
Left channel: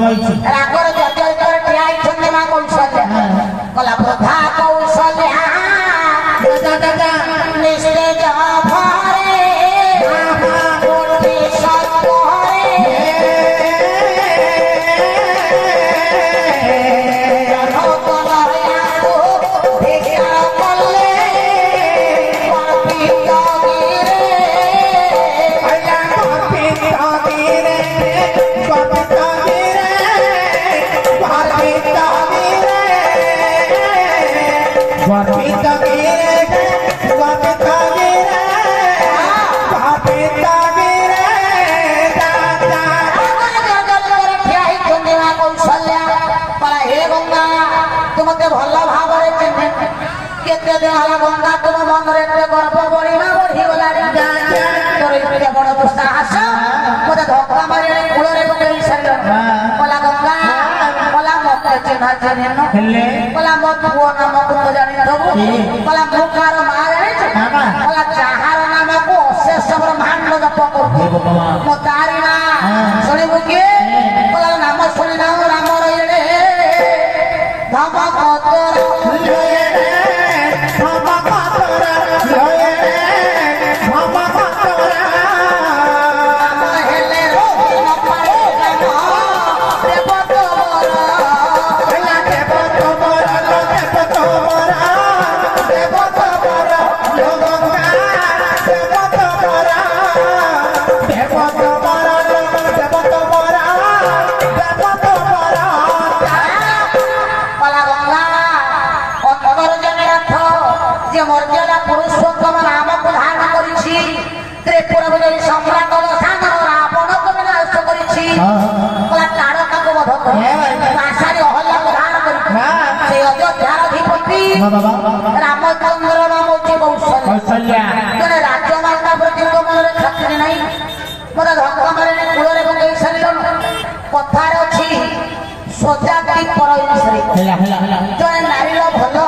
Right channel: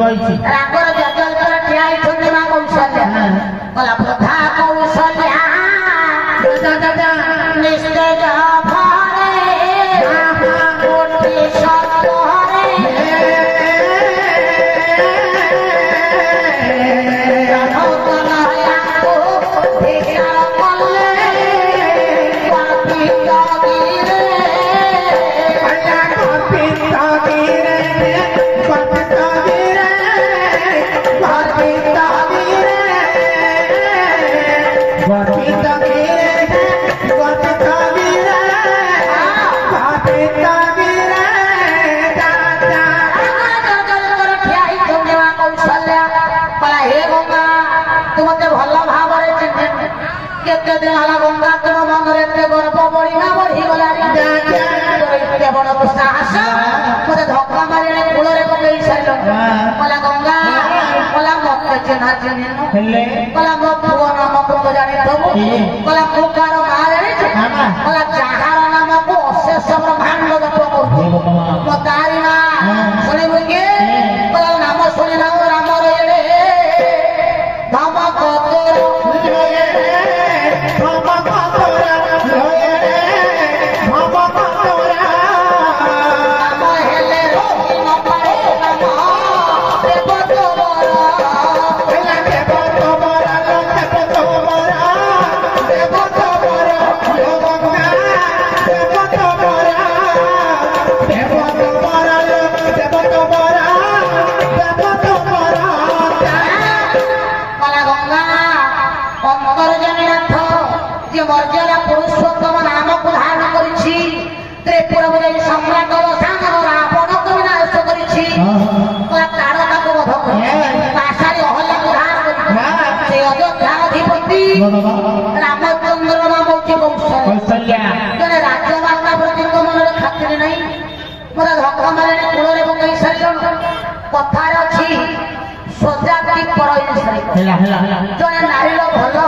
ବଇଛି ରାଗର ଜର୍ଜରିତରେ ଠିଆ ହେଇଛନ୍ତି ମା କୌଶଲ୍ୟା ଗଲା ବୃଦ୍ଧା କୌଶଲ୍ୟା ନିସ୍ତେଜ ଭାରେ କୋଟି ସତ୍ତରେ ଜନକନୟାକୁ ଭିକ୍ଷା କଲେ ମତେ ଭଲ ଭାବରେ ଚିହ୍ନେ କେତେ ଦିନ ହେଲା ଗଙ୍ଗା ତୁମ ମନରେ ଏତେ ଗର୍ବ ବଢିବା ବଢିଗଲାଣି ଏତେ ବଡ ସାହସ ମତେ ଧକ୍କା ମାରି କୂଳରେ ପକେଇ ସାରିଲ କହିଲା ଗଙ୍ଗା କହିଲା ମତେ ଚିହ୍ନା ଚିହ୍ନିନ କହିଲା ମୋ ପୁଅ ନାମକୁ ତ ଜାଣିଥବୁ କହିଲା ମୁଁ କାହାର ମା ଜାଣିଛୁ କହିଲା ଯାହାର ନାମକୁ ଅଶେଷ ବ୍ରହ୍ମାଣ୍ଡ ଜପ କରୁଛି ମୋ ତାରି ମା ଶୁଣିବୁ କି କହିଲା ନାମ ଶୁଣିଲା ରାମର ଏଡ଼େ ଧମକ ମର୍ଯ୍ୟାଦା ପୁରୁଷୋତ୍ତମ ନାମକୁ ଧାରଣ କରିଛି ତ୍ରିପୁରାକୁ ଯାଇ ସମ୍ରାଟ ବସାନର ରାବଣକୁ ବିନାଶ କରିଛି ତାରକାକୁ ବଧ କରି ଆଶାରେ ଅହଲ୍ୟାକୁ ଧାରଣ କରିଛି ସେ ଅଯୋଧ୍ୟାର ଅଧିପତି ରାମଚନ୍ଦ୍ର ନାମ ହଉଛି କୌଶଲ୍ୟା ଜଣେ ରାଜ୍ୟମାତା ପ୍ରତିଙ୍କ ମନରେ ଖାତିର ନାହିଁ ମତେ ଧକ୍କା ମାରି କୂଳରେ ପକେଇ ସାରିଲୁ କଥାରେ ଅଛି ସଜାତି ଜଣେ ନାରୀର ଭଲ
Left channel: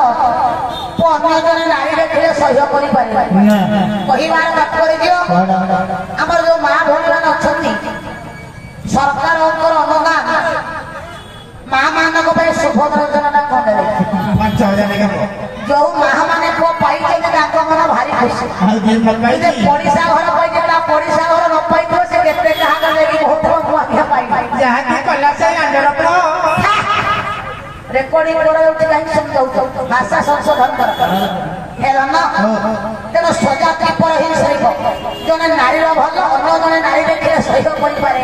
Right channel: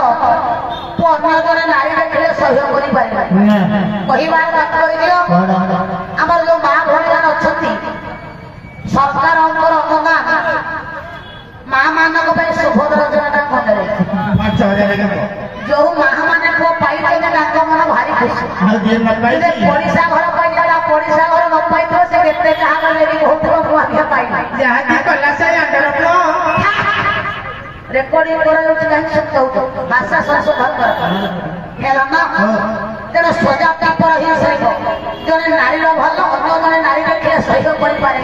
ଅନ୍ୟ ଜଣେ ନାରୀ ଦେଖିଲେ ସହ୍ୟ କରିପାରିବେ କହିବାର ତାତ୍ପର୍ଯ୍ୟ ଆମର ଯୋଉ ମା ଭଗବାନ ଅଛନ୍ତି ସରକାରଙ୍କର ଅନୁଦାନ ମା ମାନଙ୍କ ପାଇଁ ସୁଭଦ୍ର ଯୋଜନା କରାଯାଇଛି 5,000 ଯୋଉ ମା ମାନେ ପୁଅ ପାଇଛନ୍ତି ତାଙ୍କ ମନ ଭାରି ଖୁସି ପଡ଼ିଶା ଘର ପାଇଯିବ ପଡ଼ିଶା ଘର ନ ପାଇଥିବ ସେ କେତେ କାହା ନେଇକି ହଉଥିବ ମୁଁ ଆଜ୍ଞା ପାଇବି ରେକର୍ଡିଂ କରାଯାଉଛି କାହିଁକି ସବୁ ଭାଷା ସଂଶୋଧନ ଦରକାର ହେଲା ନା ତେଣୁ ସଜାତି ପର ହିଂସରିବ ଜଣେ ନାରୀର ଭଲ ଅନ୍ୟ ଜଣେ ନାରୀ ଦେଖିଲେ ସହ୍ୟ କରିପାରେ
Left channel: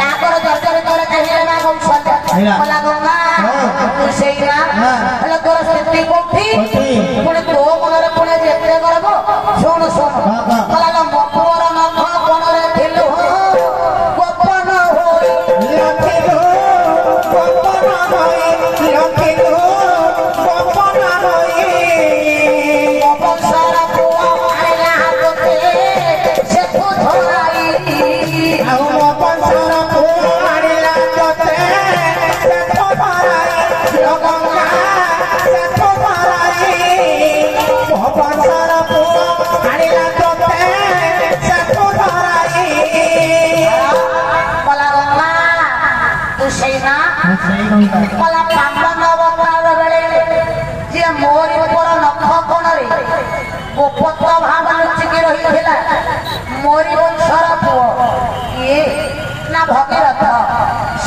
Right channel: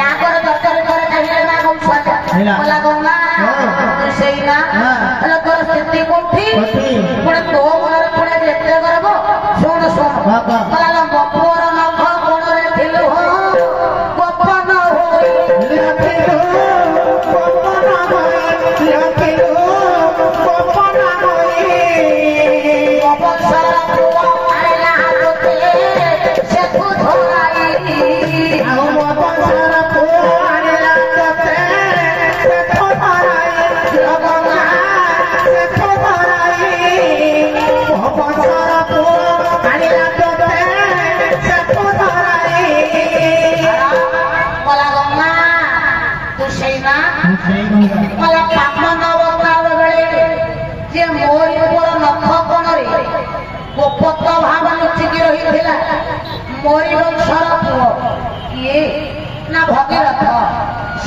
ରାଗର ଜର୍ଜରିତରେ ଚାହିଁଲେ ମା କୌଶଲ୍ୟା କହିଲା ଗଙ୍ଗା ସେଇ ନା ହେଲେ ତୋର ସ୍ଥିତି କୋଉଠି ପୁଣି ତୋ ମନରେ ପୁଣି ଯେତେ ଗର୍ବ ଶୁଣୁ ଶୁଣୁ କହିଲା ପୁଅର ନଖ କୋଣରେ ଥିଲୁ ଗୋପନ ହୋଇ ଆଉ ମୋ ପଇସାର ପୁଅ ଆଣିଲା ତତେ तू सही ना ସେଇ କହିବା मला पापन अवतार बेले जे मोर ऊपर नख कोणरे गोपत भाव लुचिकी रहिथिला मोरी वंशर पुओ ये ना भगीरथ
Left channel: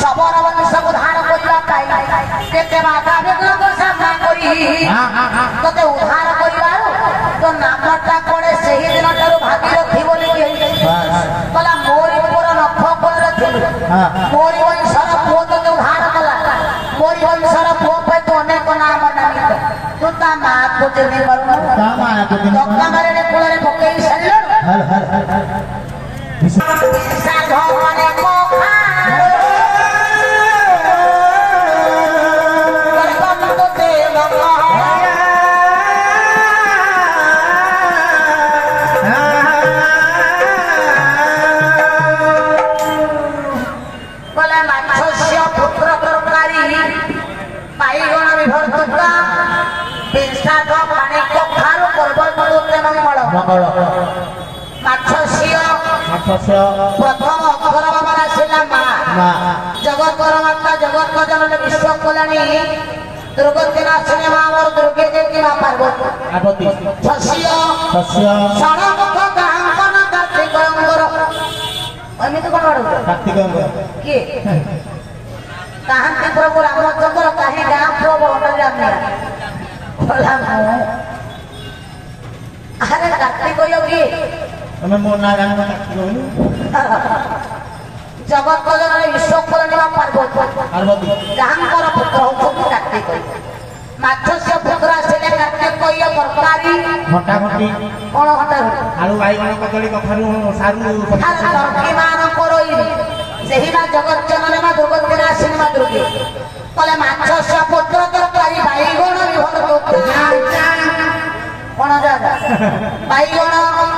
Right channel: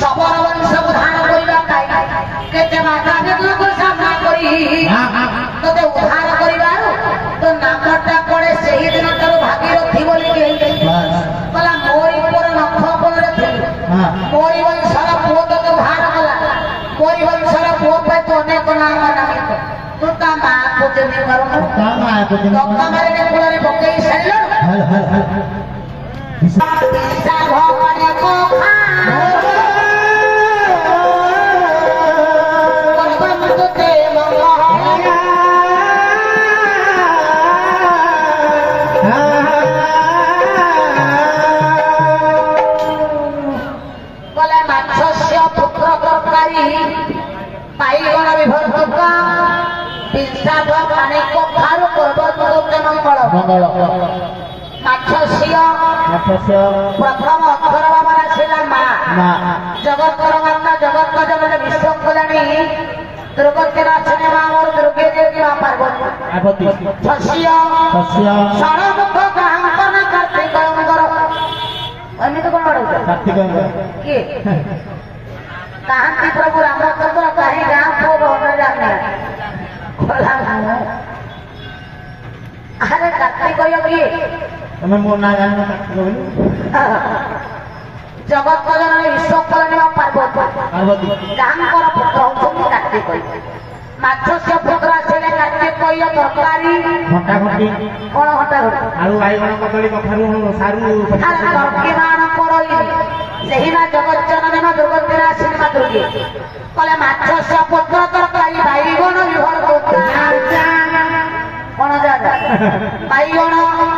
सबर वंश उद्धार करिबा काई केते माता विघ्न सामना करी तोते उद्धार करिबार तो नामटा कोडे सही दिन तारो भागीरथी बोली बोला मोरी ऊपर नख कोणरे थिलु मोरी वंशर पुओ तो उद्धार कला मोरी वंशर पुओ पे तो अनेक नाम नामित तू ता मां पूजने करू କାମ ଆକୁ ଲଙ୍କା ମାରିଲେ କୂଳରେ ପକେଇ ସାରିଲ ହଲ ହଲ ହଲ ସାଧମାନେ କୋଖା ତୋତେ କଲେ ମାଛ ପୁତ୍ର ତରକାରୀ ବାଇଗଣ ବିଭର୍ତ୍ତକା ବିଂଶାଦ ପାଣି କଖାରୁ ପର୍ବତ ମଙ୍ଗଳ ମଙ୍ଗଳ ମାଛ ସିଅ ମାଛ ପ୍ରଥମ ଅକ୍ଷର ବାବାର ଆସିଲା ମା ମା ଜଗତର ମାତା ଜଗତ ଜନନୀ ବିଶ୍ୱ କଲ୍ୟାଣୀ ଦୁର୍ଗତି ନାଶିନୀ ମା ମୋର ଦୁର୍ଗେ ଦେବୀ ମା ପାର୍ବତୀ ଆବତି ଶସ୍ୟ ଶସ୍ୟ ଷଡ଼ମୁଖ ଗାହାଙ୍କନ କାର୍ତ୍ତିକଙ୍କର ଏମିତି କଣ ବାଡ଼ଉଛ କାର୍ତ୍ତିକଙ୍କ କିଏ କାହାନ୍ତି ପ୍ରଭୁ ରାମଚନ୍ଦ୍ର କାହିଁ ଗାଁ ପୁଅ ବହୁ ଜାଣିନି ଖୋଲା ମୁଁ ଆରେ କାର୍ତ୍ତିକ କିଏ ତମେ ମୋ ନାଁ ଜାଣିବ କାର୍ତ୍ତିକ ବୋଲି ଜଗତ ଜନନୀ ବିଶ୍ୱ କଲ୍ୟାଣୀ ମା ପାର୍ବତୀ ପାର୍ବତୀ ଯାହାଙ୍କର ପୁତ୍ର ହଉଛନ୍ତି କାର୍ତ୍ତିକ ମାଛସ୍ୟ ପୁତ୍ର ଆସିଲେ କାର୍ତ୍ତିକ ତରକାରୀ ଘଣ୍ଟା ଘଣ୍ଟି କଣ ଘଣ୍ଟା ଆଳୁ ବାଇଗଣ କଦଳୀ କଖାରୁ ସାରୁ ମାନଙ୍କର ସେହି ନା ଜଗତ ଜନନୀ ମା ଦୁର୍ଗତି ନାଶିନୀ ମା ଦୁର୍ଗେ କଲେ ମାଛସ୍ୟ ପୁତ୍ର ତରକାରୀ ବାଇଗଣ କଣ ଜାଗା ବାଇଗଣ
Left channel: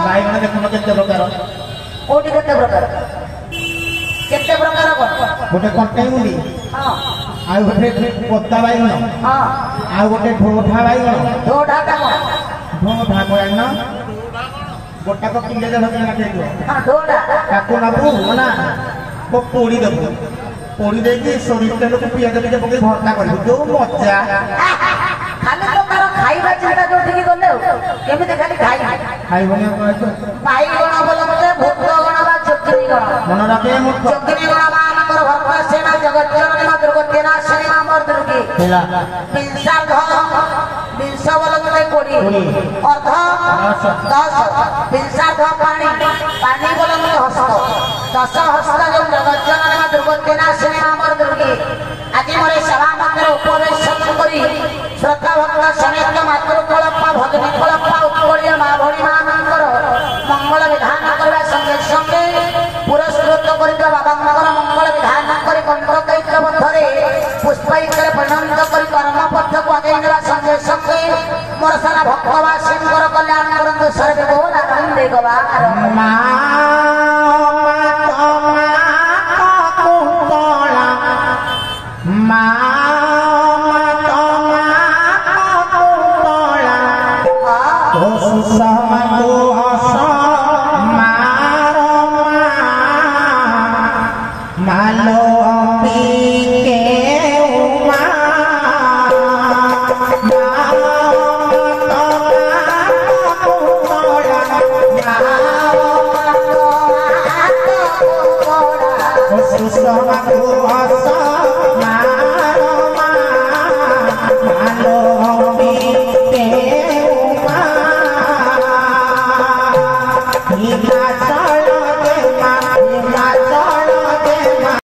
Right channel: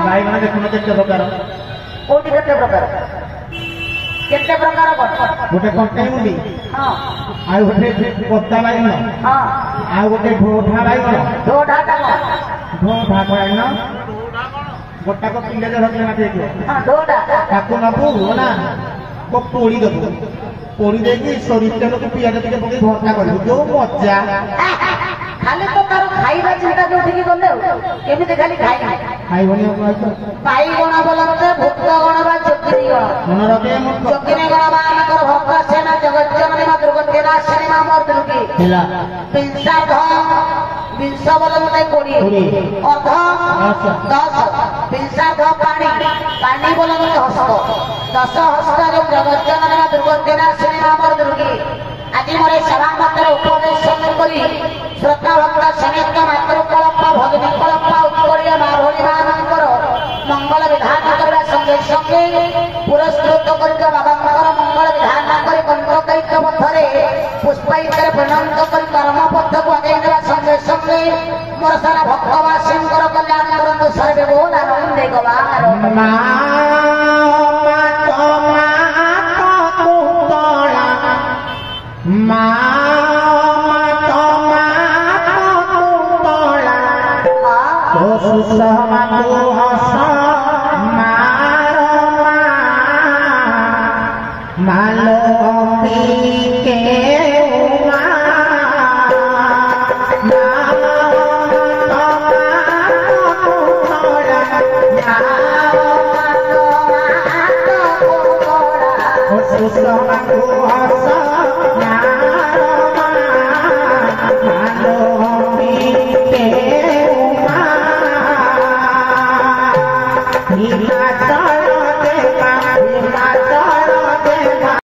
ବାଇଗଣ ଦେଖୁନ କେତେ ପ୍ରକାର କୋଉଠି କେତେ ପ୍ରକାର କଣ ଗୋଟେ କଣ୍ଟେଇ ମୁଣ୍ଡି ହଁ ଆଉ ଗୋଟେ ପତା ବାଇଗଣ ହଁ ଆଉ ଗୋଟେ ଢୋଢା ବାଇଗଣ ଢୋଢାଟା କଣ ଢୋଢା ବାଇଗଣ ଗୋଟାକ କିଲେ ଦେଢ଼ କିଲୋ ମାଟି ହେଇଥିବ ଢୋଢା ତାକୁ ନବୁ ନା ପୋଡ଼ି ଦେବୁ ପୋଡ଼ି ଦେଇକି ସୋରିଷ ତେଲକୁ ପିଆଜ ଟିକେ ପକେଇ ଭର୍ତ୍ତା କରିବୁ ଯୋଉ ମଜା ଖାଲି ତ ତାର ଖାଇବା ଚିନ୍ତା ଯୋଉଠିକି ଗଲେ ଆଉ କେମିତି ଖାଲି ଖାଇବି ଖାଇବନି ଆଉ କହିଛ ବାଇଗଣ ବୋଲନ୍ତେ ଭୂତଗଣ ବା ଯୋଗିନୀ ଗଣ ମନେ ରଖେ ମୁଁ ଯୋଗିନୀ ଗଣ ବା ଆମଙ୍କର ଭକ୍ତ ସେନା ଜଗତ ଜନନୀ ମା ଦୁର୍ଗତି ନାଶିନୀ ମା ମୋର ଦୁର୍ଗୀ ହେଲା ବିଂଶାର୍ଧ ବିଂଶ ବୋଲନ୍ତେ 20 ଅର୍ଧ 10 ବିଂଶାର୍ଧ ପାଣି ପାଣି ବୋଲନ୍ତେ ହସ୍ତ 10 ହସ୍ତ ଯୋଉ ଜଗତ ଜନନୀ ମା ଦୁର୍ଗତି ନାଶିନୀ ମା ମୋର ଦୁର୍ଗୀ ଆଜି ମୋର ସଭା ମନ୍ଦିର ଉପବେଶନ କରି ଶ୍ରୋତା ଭକ୍ତ ସମେତ ମାତୃକଳପ ଭଜନୀ କଳପ ଉତ୍କଳୀୟ ମା ଭଉଣୀ ମାନଙ୍କର ମଙ୍ଗଳ ବିଧାନ କରିବା ସଙ୍ଗେ ସଙ୍ଗେ ପୁରସ୍କୃତ କରିଥିବା ବାବାଙ୍କର ମଙ୍ଗଳ ବିଧାନ କରି କଣ୍ଟକୈକ ମଧ୍ୟରେ ପୁଷ୍ପାଇତରେ ପରିଣତ କରି କର୍ମପଥକୁ ଆଗେଇ ନେବା ସଙ୍ଗେ ସଙ୍ଗେ ମୋର ସାରା ଭକ୍ତବାସୀଙ୍କର କଲ୍ୟାଣ କରନ୍ତୁ ସର୍ବେ ବୋଲ ଆନନ୍ଦେ ଗବାର ମା ସହକୁ ହସ ମାଲୋ ପିକେ ସହକୁ ହସ He